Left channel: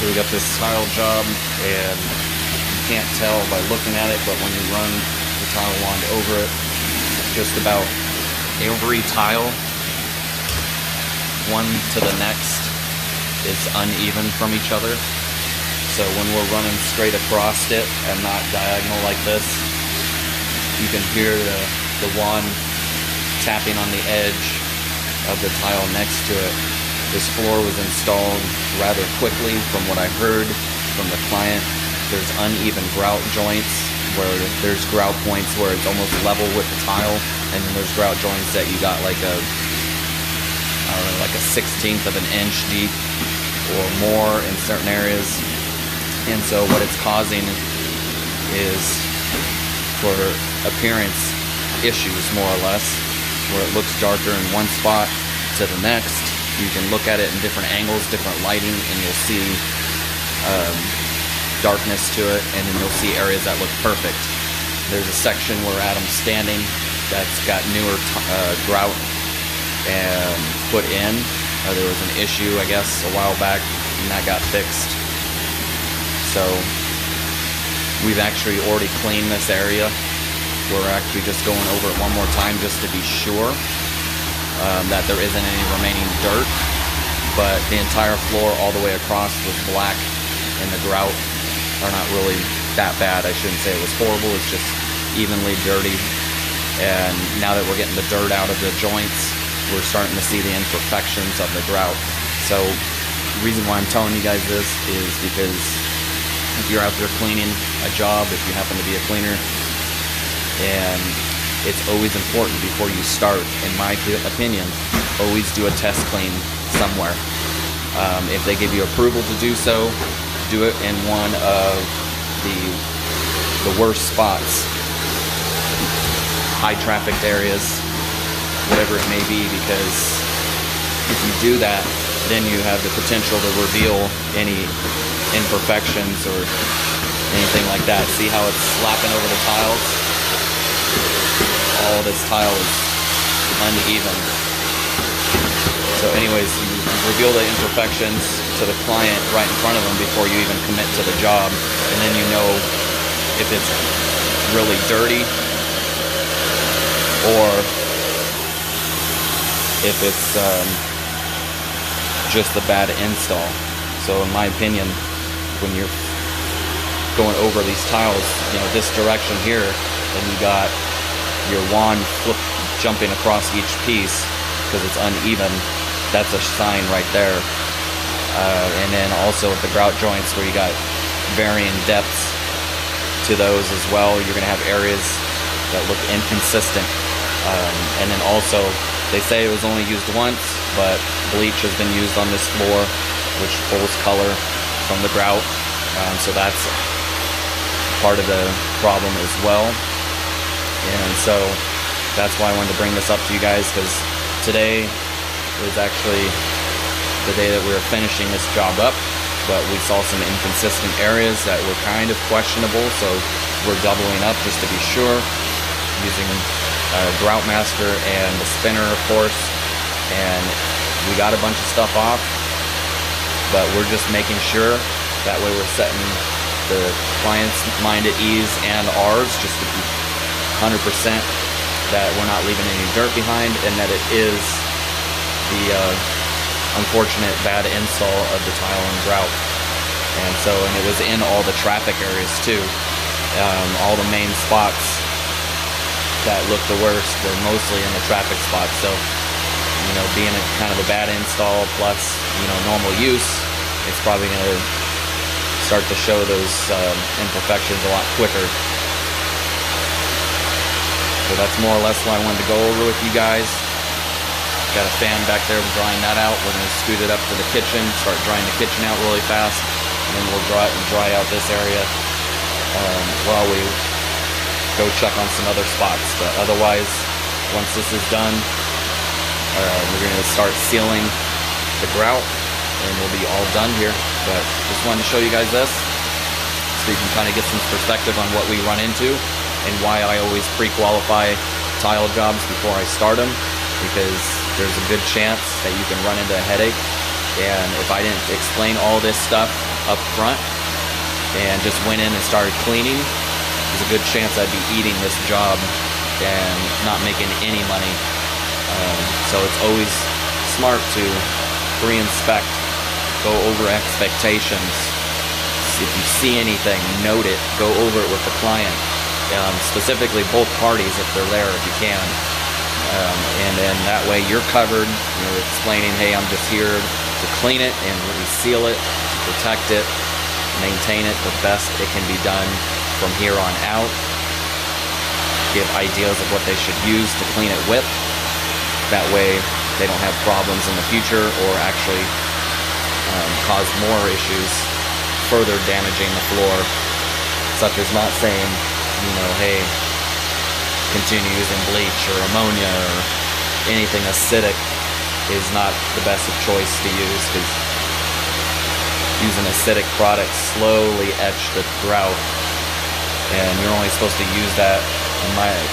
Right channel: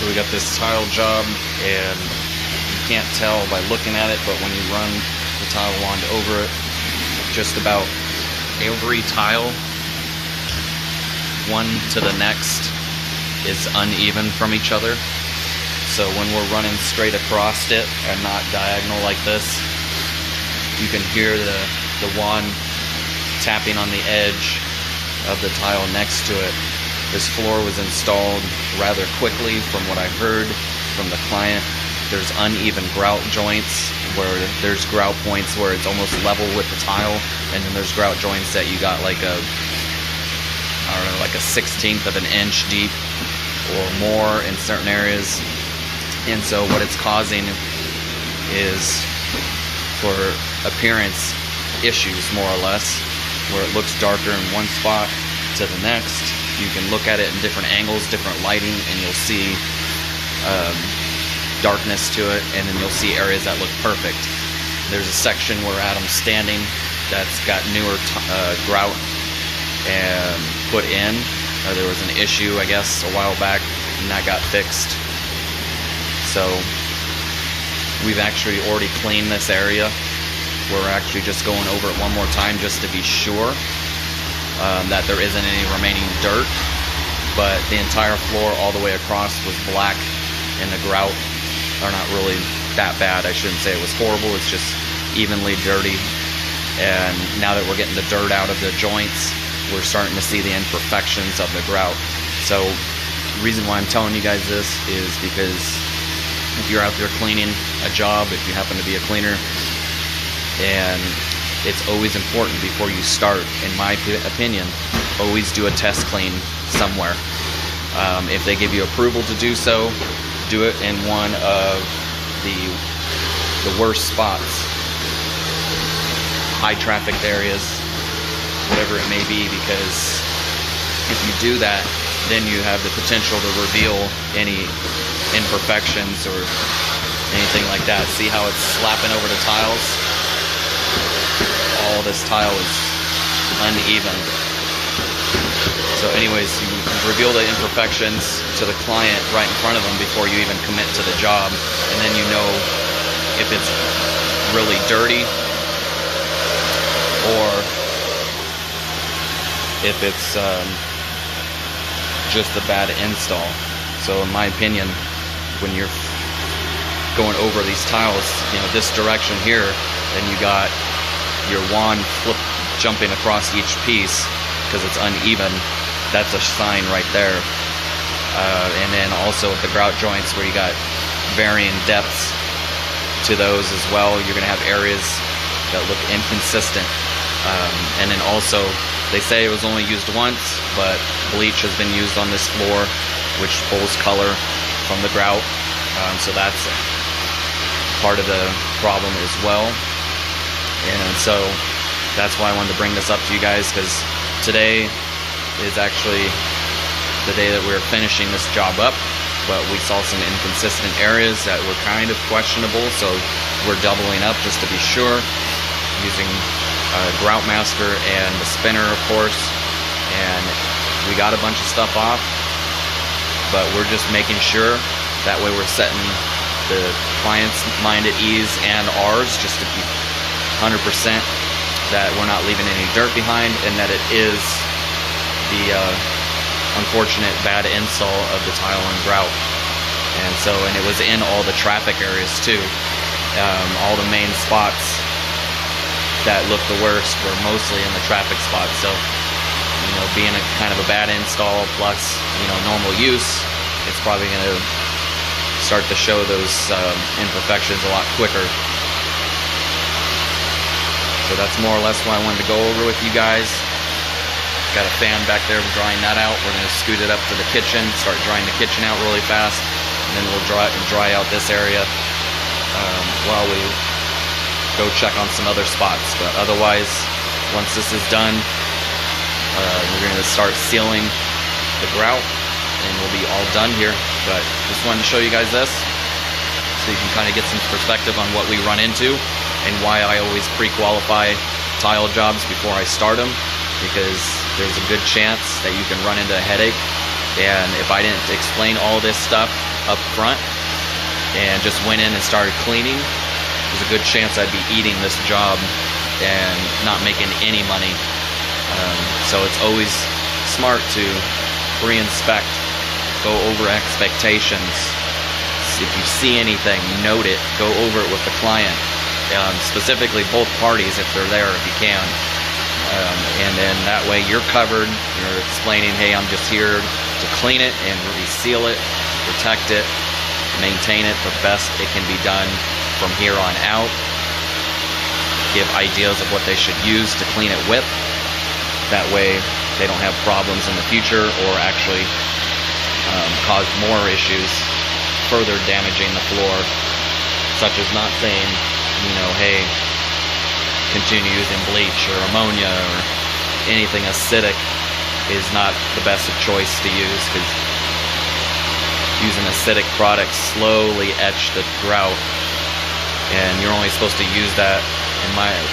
So we got this tile job, and you can't tell by looking at it, but when you run the tile wand over it, just about every tile, one to the next, is uneven from each other. So when we're running straight across it and not diagonal like this, you can hear the wand tapping on the edge of the tile next to it. This floor was installed rather quickly from what I heard from the client. There's uneven grout joints where there's grout points where it's almost level with the tile, and then there's grout joints that you got like a, I don't know, like a 1/16 of an inch deep or more in certain areas. And so what it's causing is for appearance issues, more or less, where it looks darker in one spot to the next. You can look at it in different angles, different lighting, and you'll see darkness to it, and then you'll see areas that look perfect. There's a section where Adam's standing that's got newer grout and put in. There was an issue, I guess, a while back, and that got fixed. So we've actually already cleaned this area. We're actually just going over it one more time just to be sure that there isn't any remaining dirt. But the entire floor all the way across was black, and the grout are not really that bad. I shouldn't say it was horrible, it's just evenly dirty. And now that we're getting the dirt out of the joints, we're starting to see the imperfections of the grout. So the reason why I'm telling you guys this is because if you're out there cleaning a job, if you happen to be a cleaner, and it's always important before you start, in my opinion, always do a test clean somewhere. If they give you approval to do so, do it in one of the worst spots, high trafficked areas, whatever it may be, because if you do that, then you have the potential to reveal any imperfections or anything like that. See how it's slapping over the tiles? All this tile is uneven. So anyways, you reveal the imperfections to the client right in front of them before you even commit to the job, and then you know if it's really dirty or if it's just a bad install. So in my opinion, when you're going over these tiles, you know, this direction here, and you got your wand jumping across each piece because it's uneven, that's a sign right there. And then also with the grout joints where you got varying depths to those as well, you're going to have areas that look inconsistent. And then also, they say it was only used once, but bleach has been used on this floor, which pulls color from the grout. So that's part of the problem as well. And so that's why I wanted to bring this up to you guys, because today is actually the day that we were finishing this job up, but we saw some inconsistent areas that were kind of questionable, so we're doubling up just to be sure, using Groutmaster and the spinner, of course. And we got a bunch of stuff off, but we're just making sure that way we're setting the client's mind at ease and ours, just to be 100% that we're not leaving any dirt behind, and that it is the unfortunate bad install of the tile and grout. And so, and it was in all the traffic areas too. All the main spots that looked the worst were mostly in the traffic spots. So, you know, being a kind of a bad install plus, you know, normal use, it's probably going to start to show those imperfections a lot quicker. So that's more or less what I wanted to go over with you guys. Got a fan back there, drying that out. We're going to scoot it up to the kitchen, start drying the kitchen out really fast, and then we'll dry out this area while we go check on some other spots. But otherwise, once this is done, we're going to start sealing the grout, and we'll be all done here. But just wanted to show you guys this, so you can kind of get some perspective on what we run into and why I always pre-qualify tile jobs before I start them, because there's a good chance that you can run into a headache. And if I didn't explain all this stuff up front and just went in and started cleaning, there's a good chance I'd be eating this job and not making any money. So it's always smart to pre-inspect, go over expectations. If you see anything, note it, go over it with the client, specifically both parties if they're there, if you can. And then that way you're covered. You're explaining, hey, I'm just here to clean it and reseal it, protect it, maintain it the best it can be done from here on out. Give ideas of what they should use to clean it with. That way they don't have problems in the future or actually cause more issues, further damaging the floor, such as not saying, you know, hey, continue using bleach or ammonia or anything acidic is not the best of choice to use, because using acidic products slowly etch the grout, and you're only supposed to use that,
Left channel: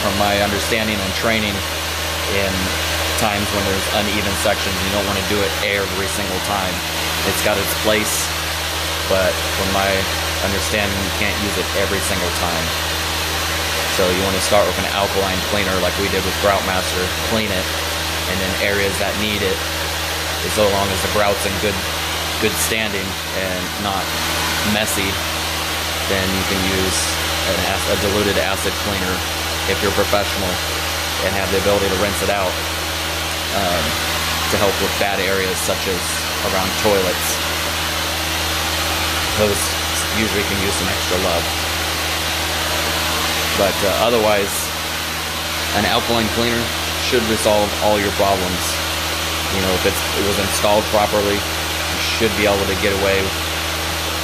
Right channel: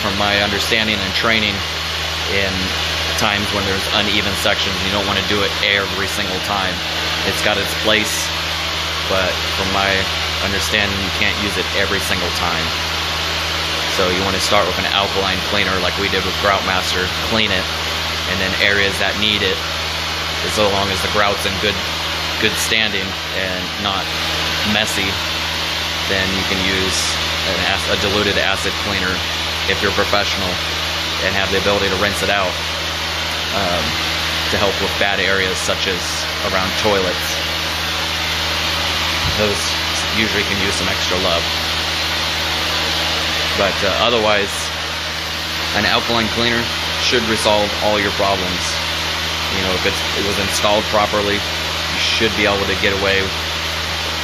from my understanding and training, in times when there's uneven sections. You don't want to do it every single time. It's got its place, but from my understanding, you can't use it every single time. So you want to start with an alkaline cleaner like we did with Groutmaster, clean it, and then areas that need it, so long as the grout's in good standing and not messy, then you can use a diluted acid cleaner if you're professional and have the ability to rinse it out, to help with bad areas such as around toilets. Those usually can use some extra love. But otherwise, an alkaline cleaner should resolve all your problems. You know, if it was installed properly, you should be able to get away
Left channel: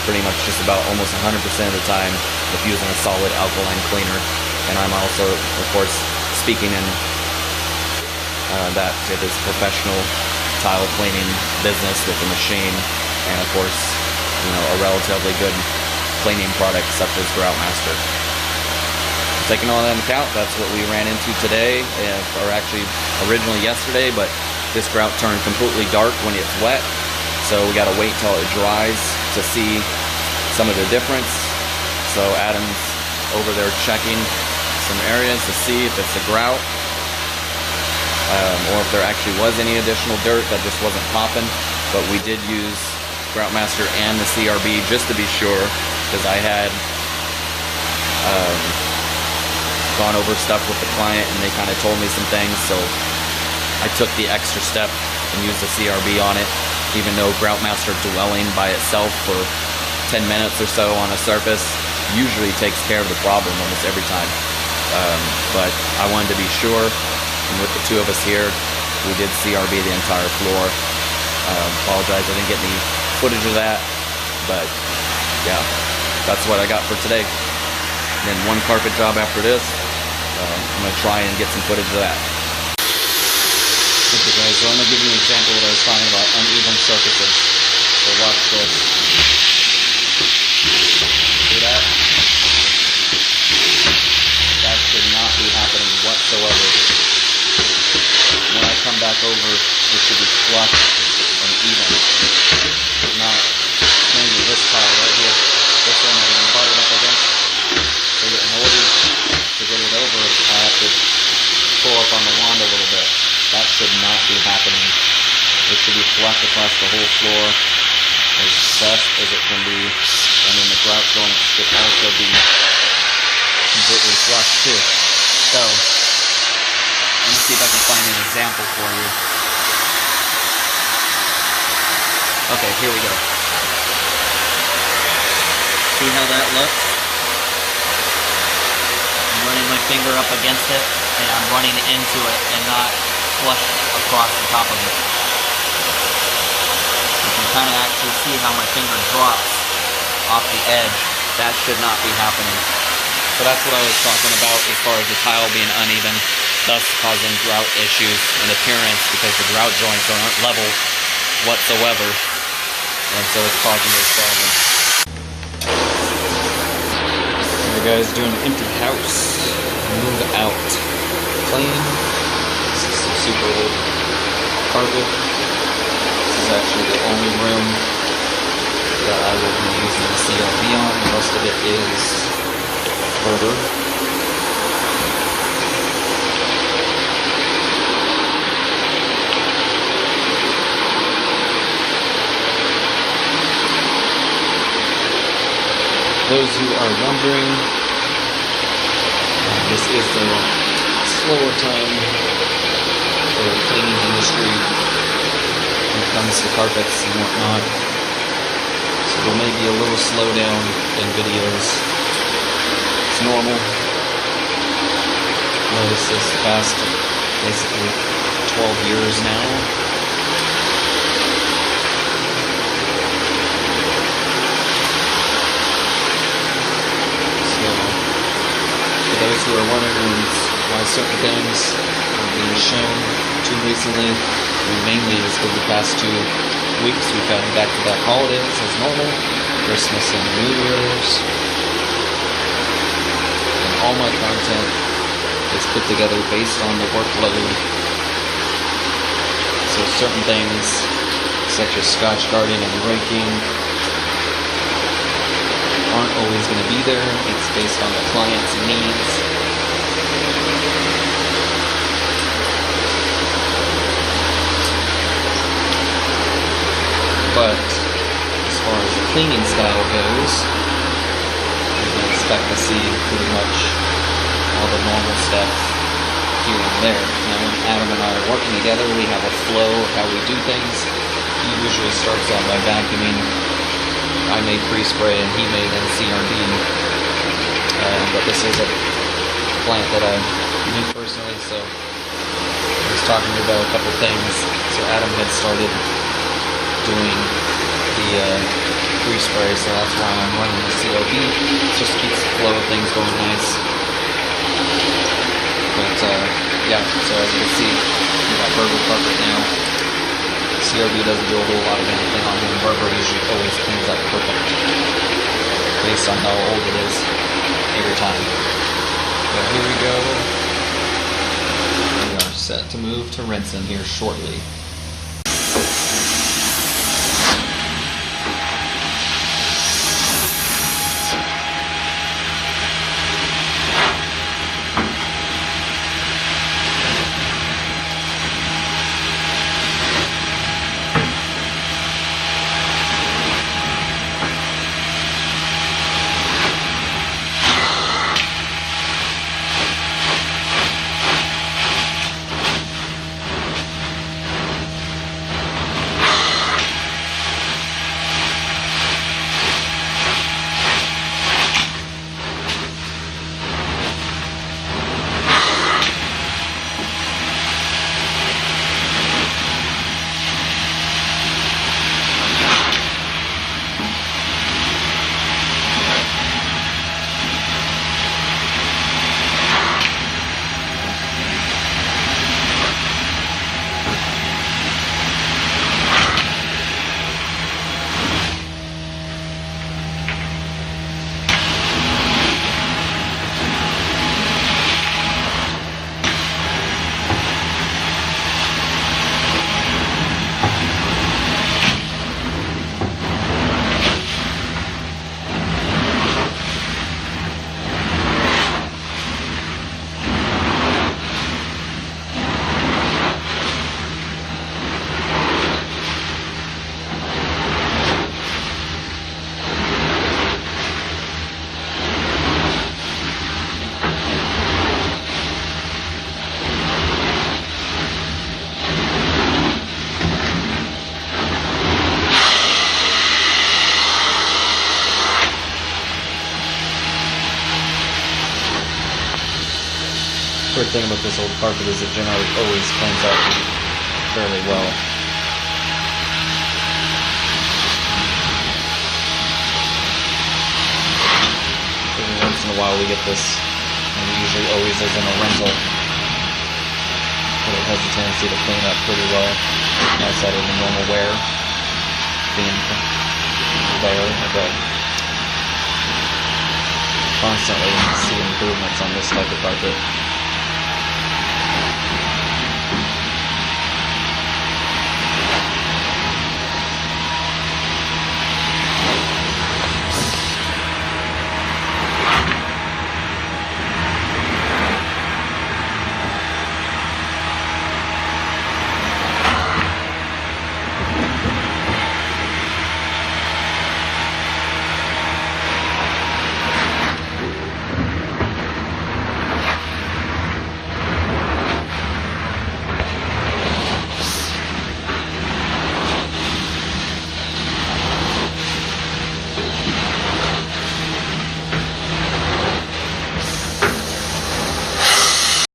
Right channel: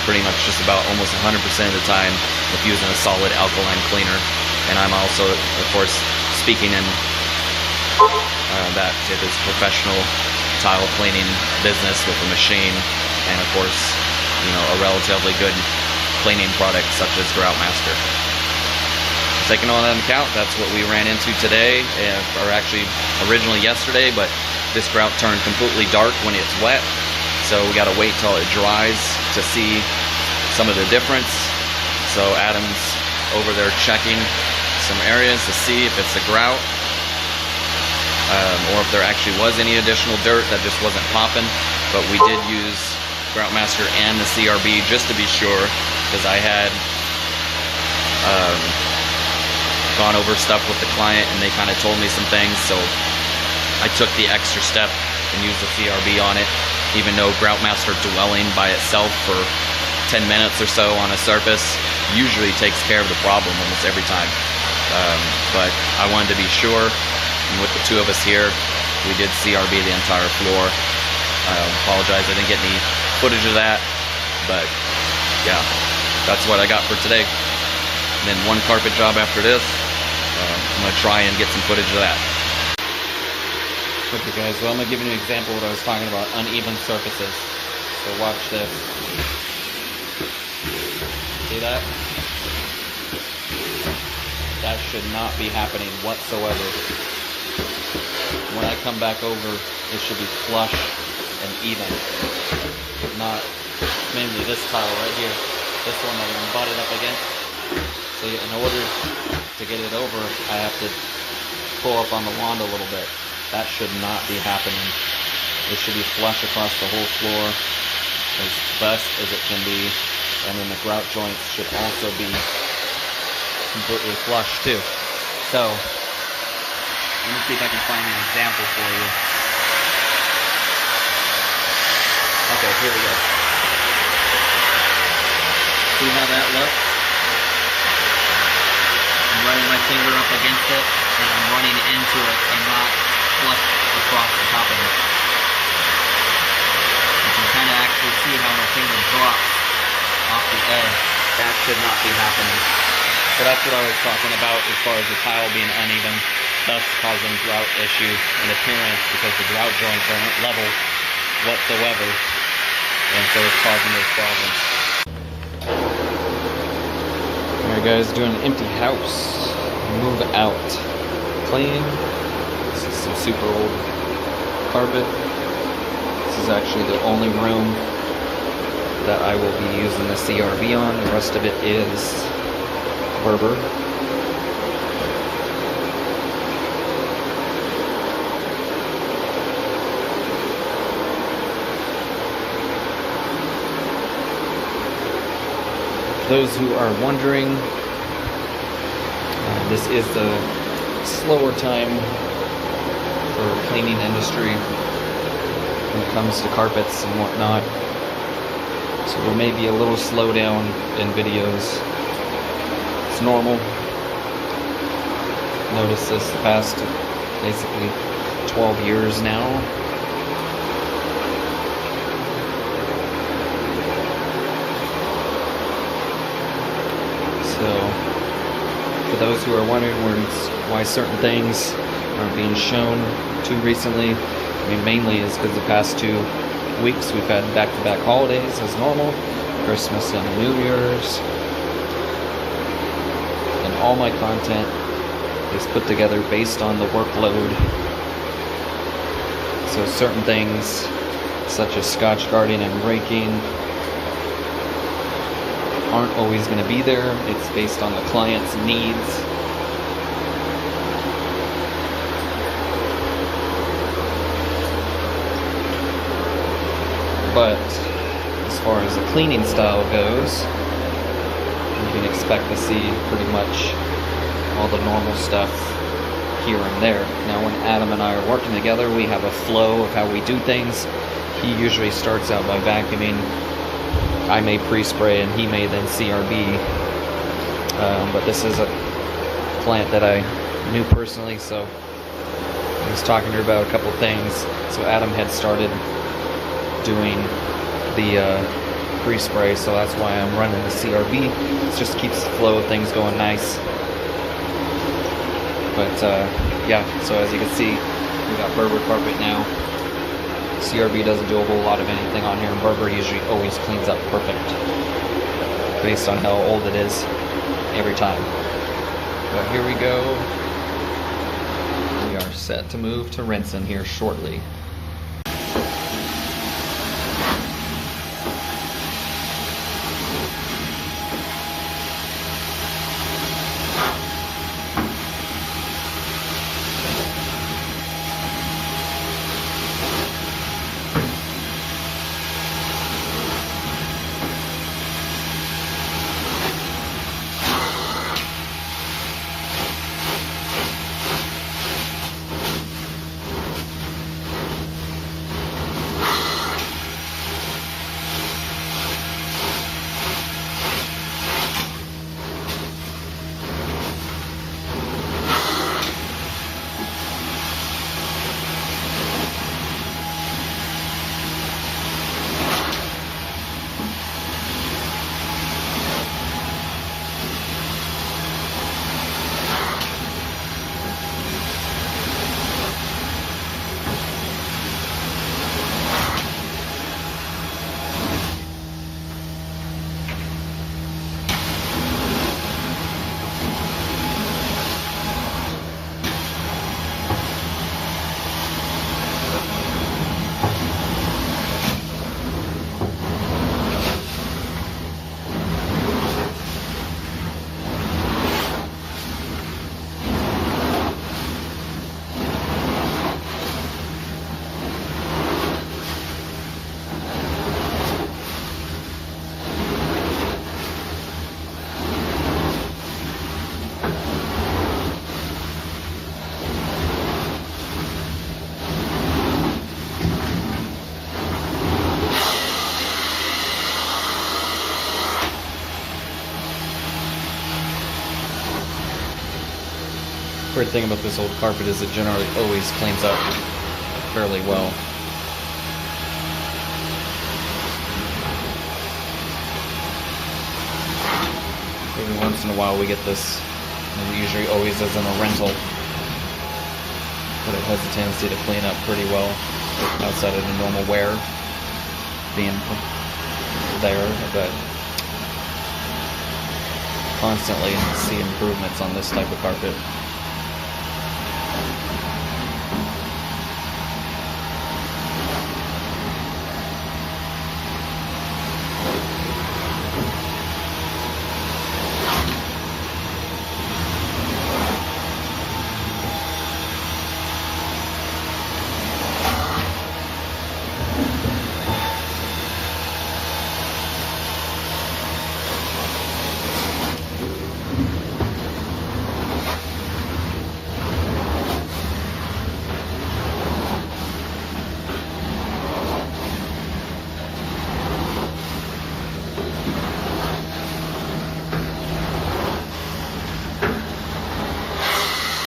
pretty much just about almost 100% of the time with using a solid alkaline cleaner. And I'm also, of course, speaking in that it is professional tile cleaning business with a machine, and of course, you know, a relatively good cleaning product such as Groutmaster. Taking all that into account, that's what we ran into today, or actually originally yesterday, but this grout turned completely dark when it's wet, so we got to wait till it dries to see some of the difference. So Adam's over there checking some areas to see if it's the grout, or if there actually was any additional dirt that just wasn't popping. But we did use Groutmaster and the CRB just to be sure, because I had gone over stuff with the client and they kind of told me some things, so I took the extra step and used the CRB on it, even though Groutmaster dwelling by itself for 10 minutes or so on a surface usually takes care of the problem almost every time. But I wanted to be sure, and with the two of us here, we did CRB the entire floor. I apologize I didn't get any footage of that, but yeah, that's what I got for today. And then one carpet job after this. I'm going to try and get some footage of that. Okay guys, so I'm going to give you an example of what I was talking about, uneven surfaces. So watch this. See that? That should not be happening whatsoever. When I come back over, it should be flush and even. Not mainly this tile right here. This one I'm going to butt it up against. So in order to get it over, I have to pull up on the wand a little bit. That should not be happening. It should be flush across the whole floor as best as it can be. And then the grout joints should also be completely flush too. So, let me see if I can find an example for you. Okay, here we go. See how that looks? I'm running my finger up against it, and I'm running into it and not flush across the top of it. You can kind of actually see how my finger drops off the edge. That should not be happening. So that's what I was talking about as far as the tile being uneven, thus causing grout issues and appearance, because the grout joints aren't level whatsoever, and so it's causing those problems. Alright guys, doing an empty house. Move out. Clean. This is some super old carpet. This is actually the only room that I will be using the CRB on. The rest of it is Berber. Those who are wondering, this is the slower time for the cleaning industry when it comes to carpets and whatnot. So there may be a little slowdown in videos. It's normal. Notice this the past basically 12 years now. For those who are wondering why certain things are being shown too recently, mainly is because the past 2 weeks we've had back-to-back holidays as normal, Christmas and New Year's, and all my content is put together based on the workload. So certain things, such as scotch guarding and raking, aren't always going to be there. It's based on the client's needs. But as far as the cleaning style goes, you can expect to see pretty much all the normal stuff here and there. Now when Adam and I are working together, we have a flow of how we do things. He usually starts out by vacuuming. I may pre-spray and he may then CRB, but this is a plant that I knew personally, so I was talking to you about a couple things. So Adam had started doing the pre-spray, so that's why I'm running the CRB. It just keeps the flow of things going nice. But yeah, so as you can see, we got Berber carpet now. CRB doesn't do a whole lot of anything on him. Berber usually always cleans up perfect based on how old it is every time. But here we go. We are set to move to rinsing here shortly. Weird thing about this old carpet is it generally always cleans up fairly well. Every once in a while we get this, and it usually always is in a rental, but it has a tendency to clean up pretty well outside of the normal wear being there, but constantly see improvements on this type of carpet.